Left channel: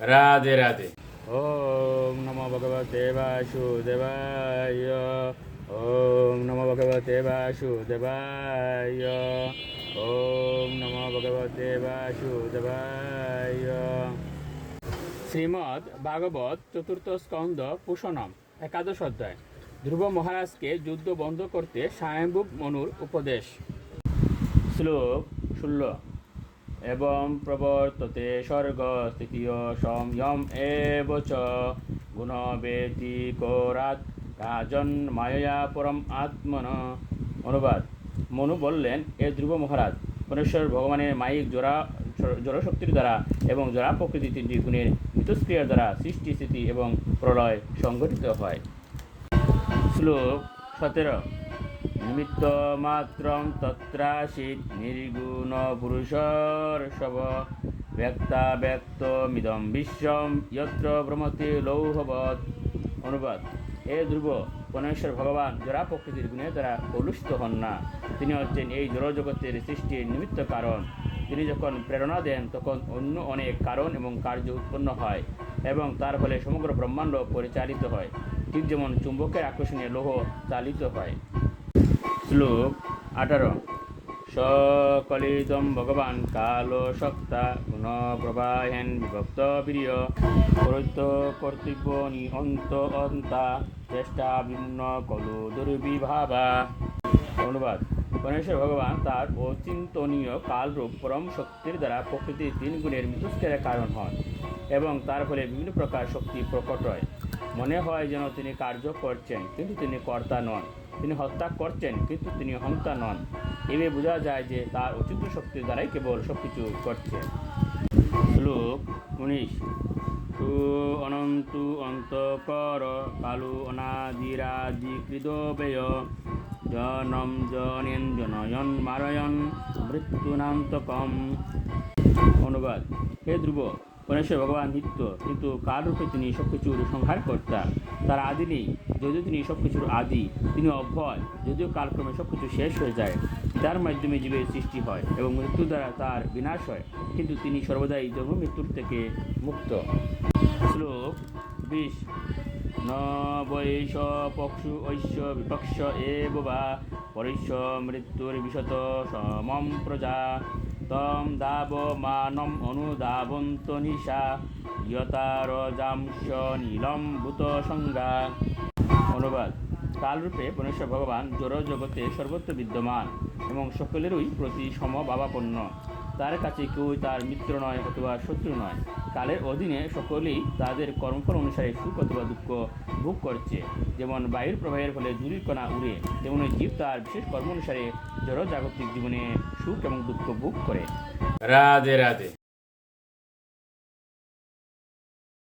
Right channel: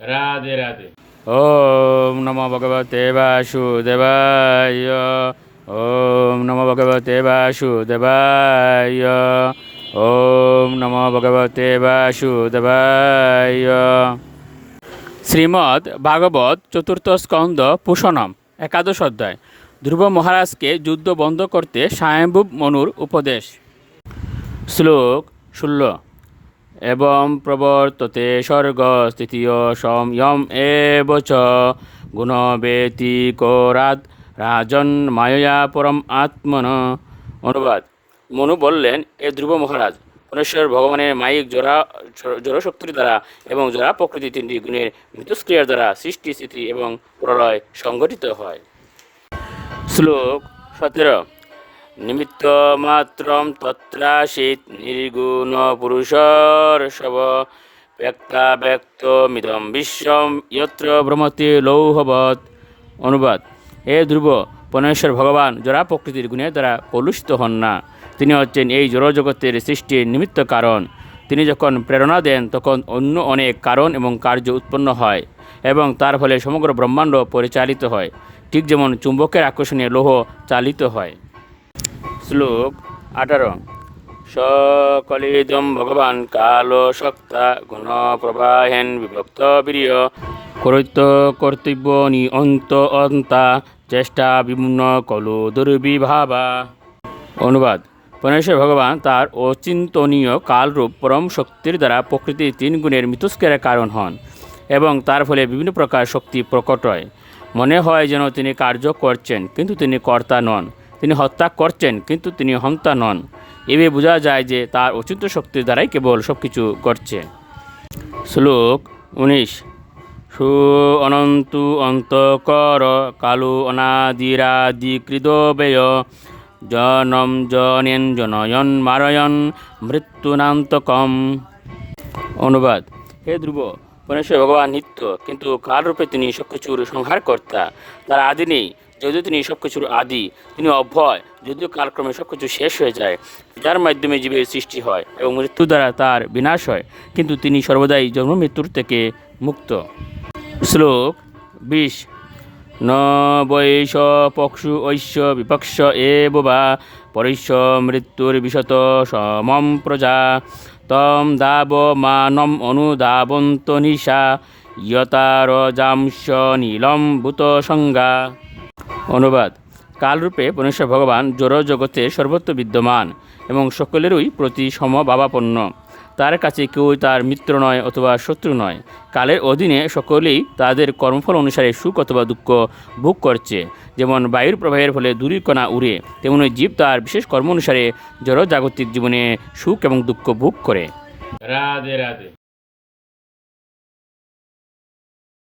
রাধে রাধে। ওম নমো ভগবতে বাসুদেবায়। ওম নমো ভগবতে বাসুদেবায়। ওম নমো ভগবতে বাসুদেবায়। শ্রীমদ্ ভাগবত চতুর্থ স্কন্দ পুষণম একাদশ অধ্যায়। ধ্রুব মহারাজকে যুদ্ধ বন্ধ করতে স্বয়ম্ভূ মনুর উপদেশ। শ্লোক 16। এবং প্রবর্ততে স্বর্গ স্থিতিয় সংযম এব চ গুণবেতিকরাদ রাজন মায়া পরম আত্মন। অনুবাদ। মনু বললেন, এ ধ্রুব মহারাজ, পরমেশ্বর ভগবানের মায়িক জড়শক্তির দ্বারা এবং জড়া প্রকৃতি তিনটি গুণের মিথস্ক্রিয়ার দ্বারা সৃষ্টি স্থিতি এবং প্রলয় সংঘটিত হয়। শ্লোক 17। নিমিত্ত মাত্রম তত্রাসিত নির্গুণ পুরুষর্ষব ব্যক্তাব্যক্তমিদং বিশ্বম যত্র ভ্রমতি লৌহবৎ। অনুবাদ। হে ধ্রুব, পরমেশ্বর ভগবান জড়া প্রকৃতির গুণের দ্বারা কলুষিত হন না। তিনি হচ্ছেন এই জড়জগতের সৃষ্টির নিমিত্ত কারণ। তিনি যখন প্রেরণা দেন তখন অন্য অনেক কারণ এবং কার্য উৎপন্ন হয় এবং তার ফলে সমগ্র ব্রহ্মাণ্ড পরিচালিত হয়, ঠিক যেমন চুম্বকের আকর্ষণে লৌহ চালিত হয়। শ্লোক 18। সকলিদম ভগবান কাল শক্তা গুণ প্রবাহেন বিভক্ত বীর্য করৈত্য কর্তব্য নিয়ন্ত অন্তা চেষ্টা বিমূর্ণ কলু দুর্বিভাবা। অনুবাদ। পরমেশ্বর ভগবান তার অচিন্তনীয় কালরূপ পরম শক্তির দ্বারা প্রকৃতির তিন গুণের মিথস্ক্রিয়ার কারণ হন এবং তার ফলে বিভিন্ন প্রকার শক্তি প্রকট হয়। মনে হয় যেন তিনি কার্য করছেন, কিন্তু তিনি কর্তা নন। তিনি হত্যা করছেন, কিন্তু তিনি হন্তা নন। এভাবে বোঝা যায় যে তার অচিন্ত শক্তির দ্বারাই কেবল সব কিছু করছে। শ্লোক 19। সু অনন্তু অন্তকর কালু অনাদিরাদিকৃদবেয় জনম জনেন জনয়ন মারয়ন মৃত্যুনান্তকম। অনুবাদ। হে ধ্রুব, পরমেশ্বর ভগবান নিত্য, কিন্তু কালরূপে তিনি সব কিছুর সংহারকর্তা। তার আদি নেই, যদিও তিনি সব কিছুর আদি। তিনি অভয়, যদিও কালক্রমে সব কিছু শেষ হয়ে যায়। যার মাধ্যমে জীবের সৃষ্টি হয় এবং মৃত্যু দ্বারা তার বিনাশ হয়, কিন্তু তিনি সর্বদাই জন্ম মৃত্যুর থেকে মুক্ত। শ্লোক 20। ন বৈশ পক্ষু ঐশ্য বিপক্ষ এব বা পরৈশ্য মৃত্যুর বিশত সমম প্রজা তম দাব মানম অনুদাবন্ত নিশা ইয়তারজাংশ নীলম ভূত সংজ্ঞা। অনুবাদ। কালরূপে পরমেশ্বর ভগবান জড় জগতে সর্বত্র বিদ্যমান এবং সকলেরই প্রতি সমভাবাপন্ন। তার কাছে কেউই তার মিত্র নয় অথবা শত্রু নয়। কালের অধীনে সকলেই তাদের কর্মফল অনুসারে সুখ অথবা দুঃখ ভোগ করছে। যেমন বায়ুর প্রবাহের ফলে ধূলির কণা উড়ে, তেমনি জীব তার বিশেষ কর্ম অনুসারে জড় জাগতিক জীবনে সুখ এবং দুঃখ ভোগ করে। রাধে রাধে।